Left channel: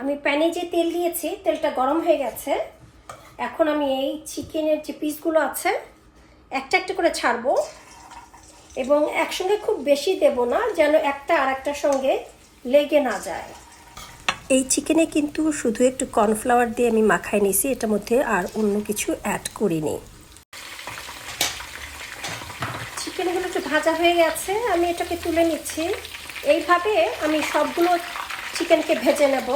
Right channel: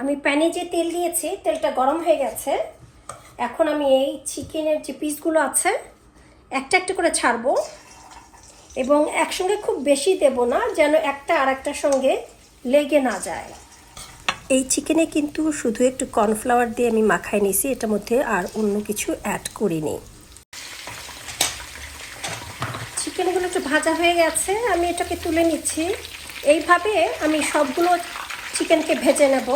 আমি প্যানে যে তেল দিয়েছি তেলটা গরম হয়ে গেছে। এখন আমি এই চিকেনের যে পিসগুলো আছে একটা একটা করে ছাড়বো এবং একসঙ্গে খুব বেশি দেব না, যেন একটা আর একটার সঙ্গে লেগে না যায়। এই চিকেনে কিন্তু শুধু একটু কর্নফ্লাওয়ার দিয়ে আমি মাখাই নিয়েছি, এটার মধ্যে আর অন্য কিছু অ্যাড করিনি। চিকেনগুলো একটু ভাজা হয়ে গেছে, আমি এটাকে তুলে নিচ্ছি। এইভাবে আমি সবগুলো চিকেনকে ভেজে নেব।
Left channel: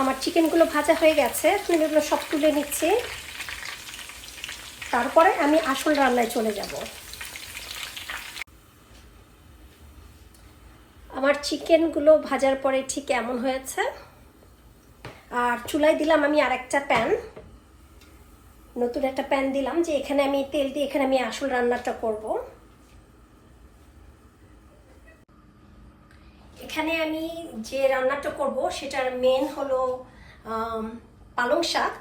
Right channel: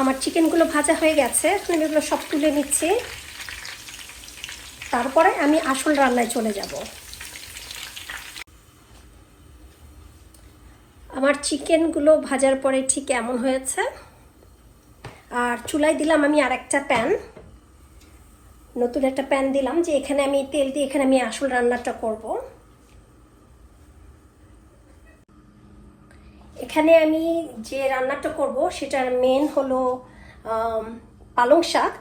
আমার চিকেনগুলো ভাজা হয়ে গেছে, আমি এগুলো সব তুলে নিচ্ছি। তারপরে আমি আসল রান্নায় চলে যাব। আমার চিকেনগুলো ভাজার পরে ঠিক এমন হয়েছে। আর চুলায় দিলাম আমি আরেকটা প্যান, নতুন একটা প্যান দিলাম, যে এখানে আমি তেল দিয়ে এখানে আমি আসল রান্নাটা করব। এখানে আমি যে রান্নাটা করব সেটার মেন হলো পালং শাক।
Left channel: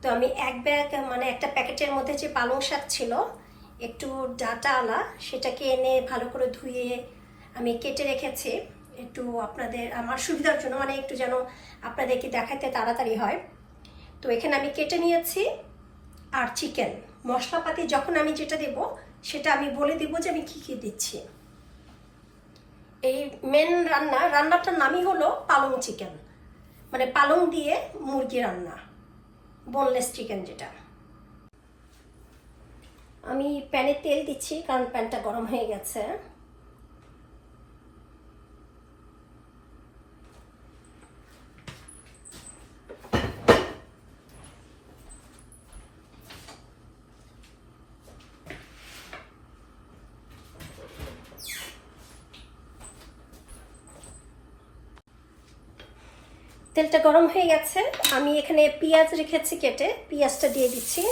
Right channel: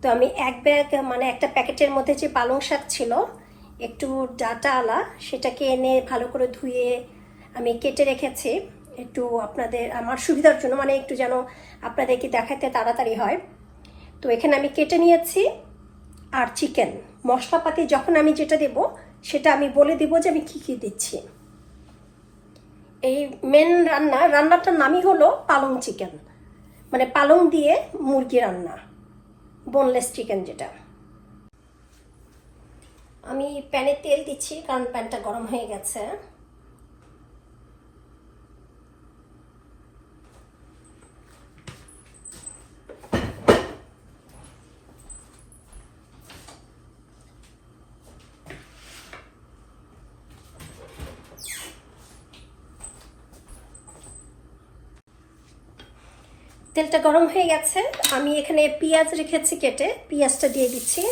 তো আমি এক ব্যাগ মানে একটা প্যাকেটের মধ্যে যে পালং শাক ছিল একটু ডাটা আলা, সেটাকে এনে ভালো করে ধুয়ে আমি কেটে রেখেছি, একটু আপনাদের আমার সুবিধার জন্য, মানে একটু যেন আপনাদেরকে দেখাতে তাড়াতাড়ি হয়। তো এখানে আমি কেটে নিয়েছি। আর চিকেন মশলাপাতি যখন আমি যেটা দেব সেটা আমি বলে দিব যে আমি কি কি দিচ্ছি। এই মেন রান্নাটার নামই হলো পালং চিকেন, মানে পালং দিয়ে মুরগি রান্না, বোনলেস চিকেন যেটা। আমি প্যানে তেল দিচ্ছি কারণ প্যানটা গরম হয়ে গেছে। তেলটা গরম হয়ে গেছে, আমি এখানে পেঁয়াজ রেখেছি কেটে, পেঁয়াজটা দিয়ে দিচ্ছি।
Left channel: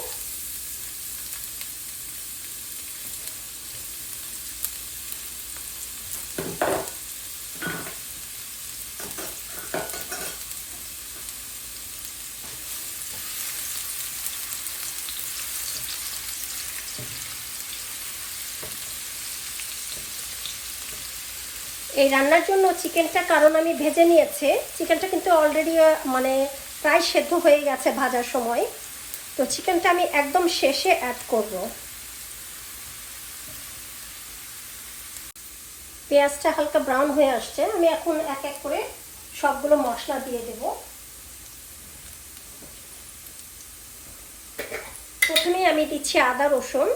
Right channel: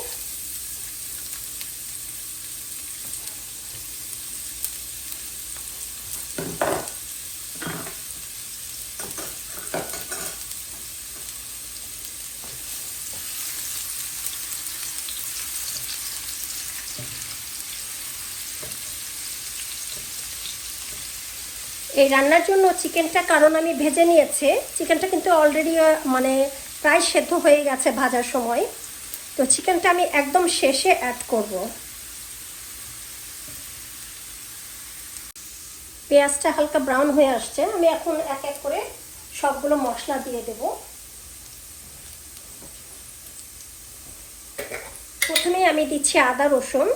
এই রান্নার জন্য চিকেনটা কারণ আমি ভেজে নিয়েছি, চিকেনটা কিন্তু অলরেডি মানে প্রায় সেদ্ধ হয়ে গেছে ভাজার সময়। তো চিকেনটা আমি একদম শেষে অ্যাড করব। পেঁয়াজটা হালকা ব্রাউন হয়ে আসছে, আমি এখন এক এক করে সবগুলো মশলা দিয়ে দেব। প্রথমে আমি দিচ্ছি আদা রসুন।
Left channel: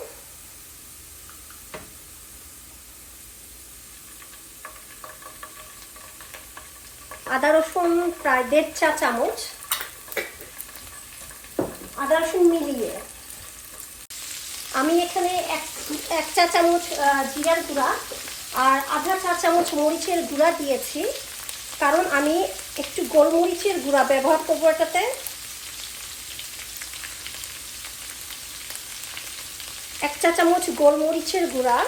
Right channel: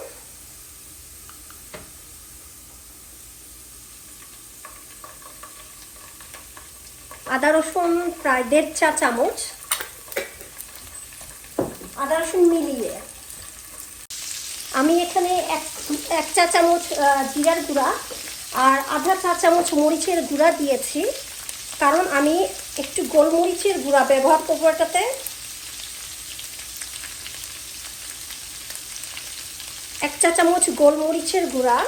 আদা রসুন প্রায় 1.5 চা চামচ, আদা রসুন মিলিয়ে। আমি এখানে এক চা চামচ জিরার গুঁড়া আর আধা চা চামচ মরিচের গুঁড়া দিয়েছি, কারণ আমি একটু গোলমরিচের গুঁড়া ব্যবহার করবো এটাতে। এক চা চামচ গোলমরিচের গুঁড়া,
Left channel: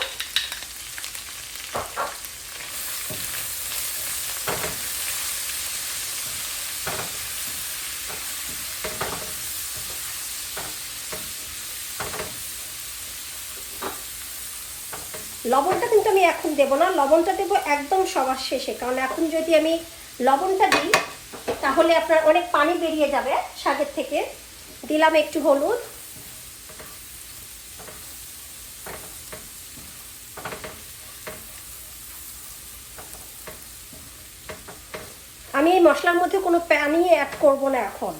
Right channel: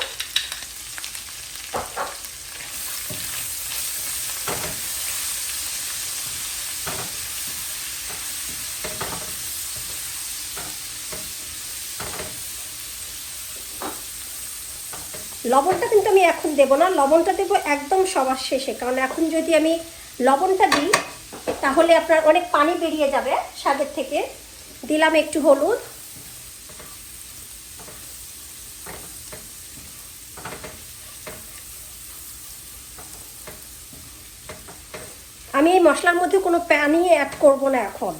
লবণটা কিন্তু আমি এখন দেবো না, লবণটা দেবো একদম সবার শেষে, কারণ এখন যদি আমি লবণটা দিই তাহলে আপনার অনেক পানি বেরিয়ে যাবে শাকের থেকে। দিলাম একটু হলুদ, আমি এই মশলার মধ্যে কোনো পানি অ্যাড করব না এখন।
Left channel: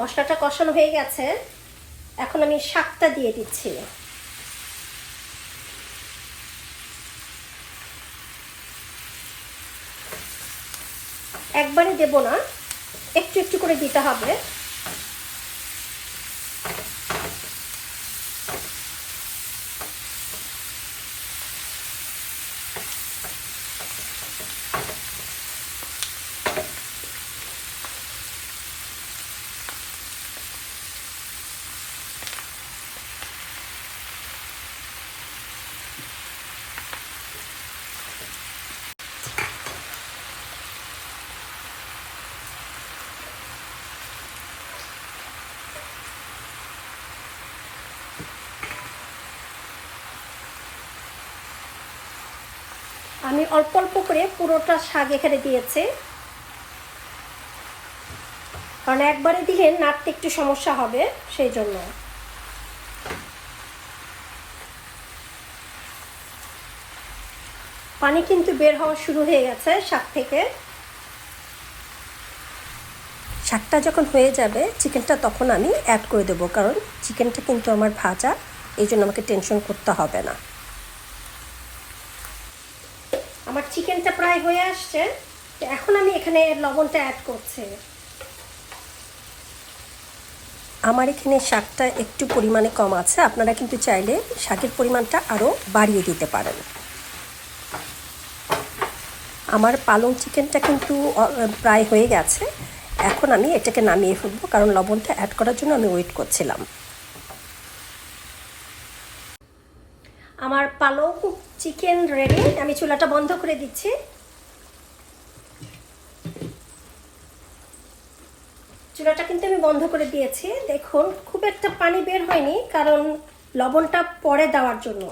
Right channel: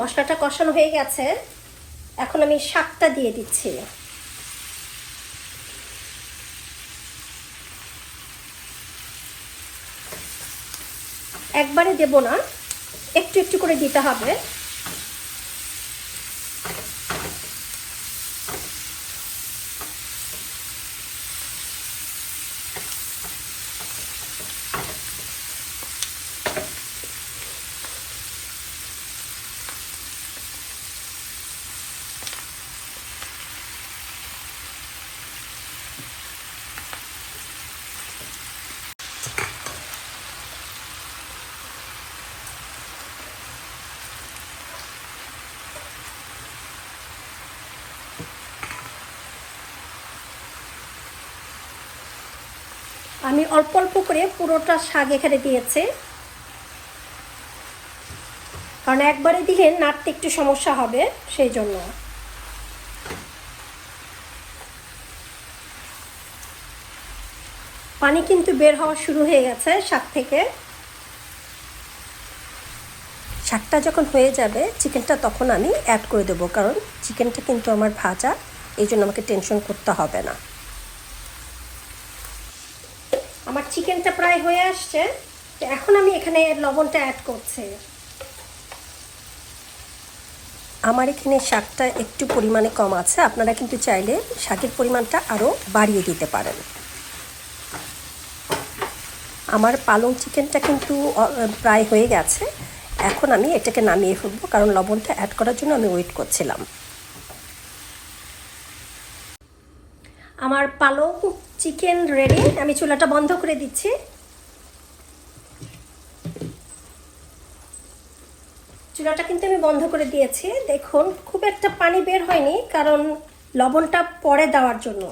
মশলাটা কষানো হয়ে গেছে, এখন আমি শাকটা দিয়ে দিচ্ছি। একবারে দেব না, একটু একটু করে দিতে হবে। আমি অল্প অল্প করে পুরোটা শাক এখানে দিয়েছি, কারণ একবারে দিয়ে নাড়তে একটু সমস্যা হবে, সেই জন্য। পানি কিন্তু বের হওয়া শুরু হয়ে গেছে শাক থেকে। শাকটা যখন হয়ে যাবে চিকেনটা তখন আমি অ্যাড করে দেবো, কারণ চিকেনটা কিন্তু আমার ভাজা, এই জন্য আমাকে টেনশন করতে হবে না। আমার চিকেনটা প্রায় হয়ে আসছে, এখন আমি এখানে লবণটা অ্যাড করছি। আমার এখানে শাকটা একটু পরিমাণে কম আছে, আপনারা কিন্তু চাইলে শাকের পরিমাণটা আরও বাড়িয়ে দিতে পারেন। আমার পালং চিকেনটা কিন্তু প্রায় হয়ে গেছে, এখন আমি এটাকে নামিয়ে ফেলবো, কারণ লবণটা অ্যাড করার জন্য আমি ওয়েট করছিলাম। আমার পালং চিকেন রেডি, আমি চুলাটা বন্ধ করে দিচ্ছি। চুলাটা কিন্তু আমি বন্ধ করে দিয়েছি। দেখুন খুব একটা পানি বের হয়নি, কারণ লবণটা পরে দেওয়ার জন্য।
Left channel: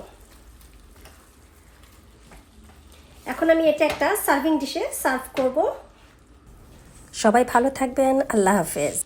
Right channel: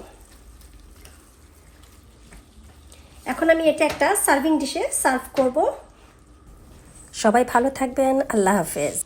এখন আমি এটা একটা সার্ভিং ডিশে সার্ভ করব। সবাই ভালো থাকবেন, আল্লাহ হাফেজ।